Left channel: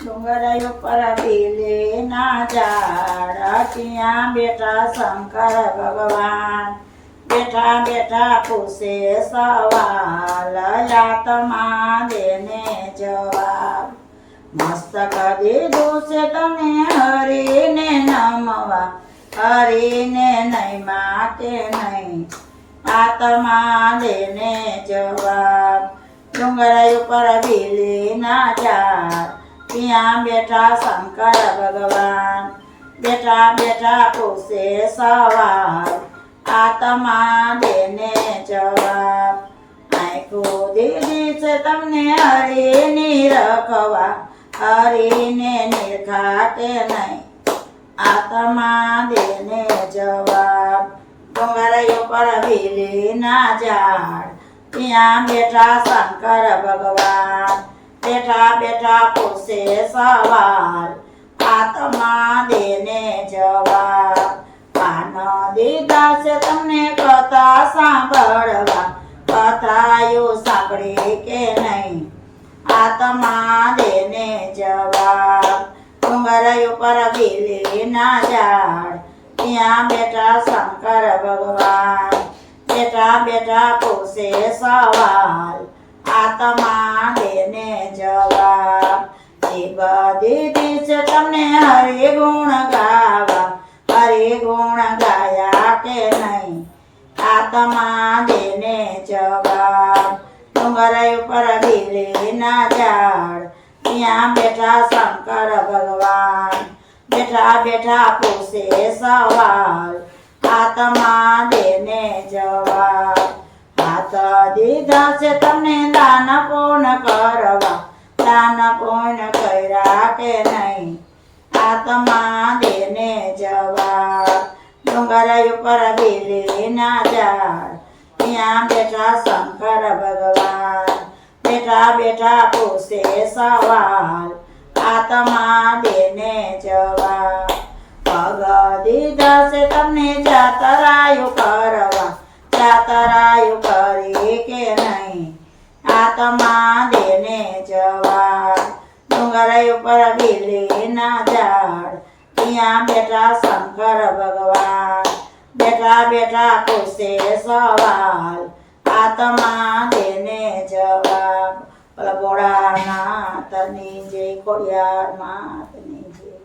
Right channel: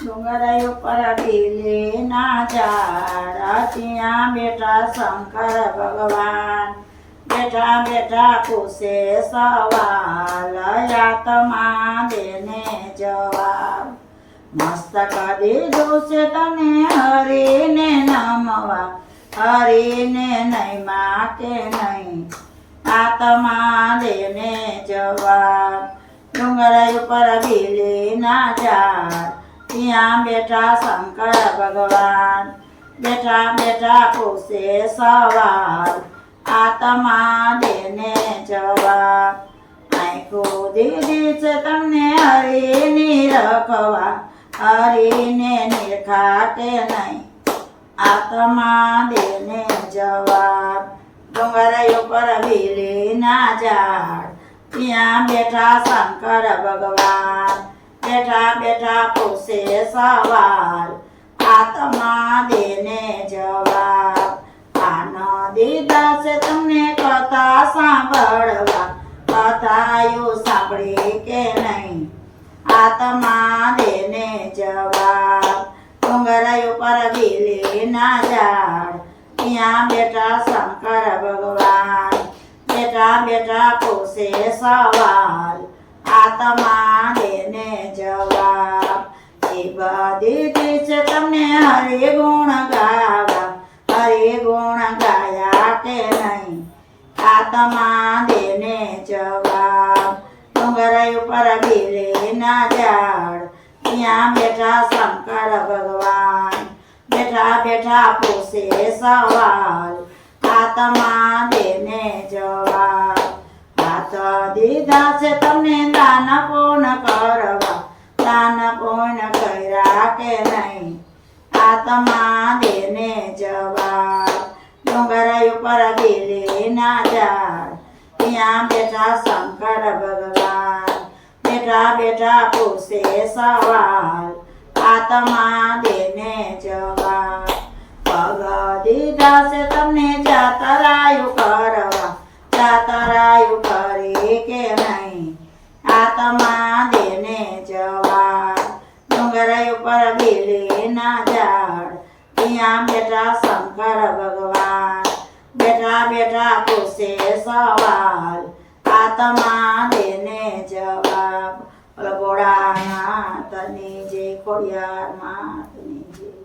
ડુંગર ઉપર બેલીના ઝાડ ત્યાં બેઠા શંકર ભગવાન બેઠા બેઠા પૂછે સવાલ આત્મા દેને જવાબ મસ્તક દીધું છે તને હરીને નમવા હરીને નહીં માં કે નહીં આત્મા દેને જવાબ ડુંગર ઉપર બેલીના ઝાડ ત્યાં બેઠા શંકર ભગવાન બેઠા બેઠા પૂછે સવાલ આત્મા દેને જવાબ આંખો દીધી છે તમને હરીની રખવા હરીને નિરખા કે નહીં આત્મા દેને જવાબ ડુંગર ઉપર બેલીના ઝાડ ત્યાં બેઠા શંકર ભગવાન બેઠા બેઠા પૂછે સવાલ આત્મા દેને જવાબ કાન દીધા છે તમને કથા સાંભળવા કથાયું સાંભળી કે નહીં આત્મા દેને જવાબ ડુંગર ઉપર બેલીના ઝાડ ત્યાં બેઠા શંકર ભગવાન બેઠા બેઠા પૂછે સવાલ આત્મા દેને જવાબ એ બધી છે તમને હરિ ગુણ ગાવા હરિ ગુણ ગાયા કે નહીં આત્મા દેને જવાબ ડુંગર ઉપર બેલીના ઝાડ ત્યાં બેઠા શંકર ભગવાન બેઠા બેઠા પૂછે સવાલ આત્મા દેને જવાબ હાથ દીધા છે તમને દાન પૂર્ણ કરવા દાન પૂર્ણ કર્યા કે નહીં આત્મા દેને જવાબ ડુંગર ઉપર બેલીના ઝાડ ત્યાં બેઠા શંકર ભગવાન બેઠા બેઠા પૂછે સવાલ આત્મા દેને જવાબ પગ દીધા છે તમને જાતરાયું કરવા જાતરાયું કરી કે નહીં આત્મા દેને જવાબ ડુંગર ઉપર બેલીના ઝાડ ત્યાં બેઠા શંકર ભગવાન બેઠા બેઠા પૂછે સવાલ આત્મા દેને જવાબ ભોળાનાથની જય ખોડિયાર માત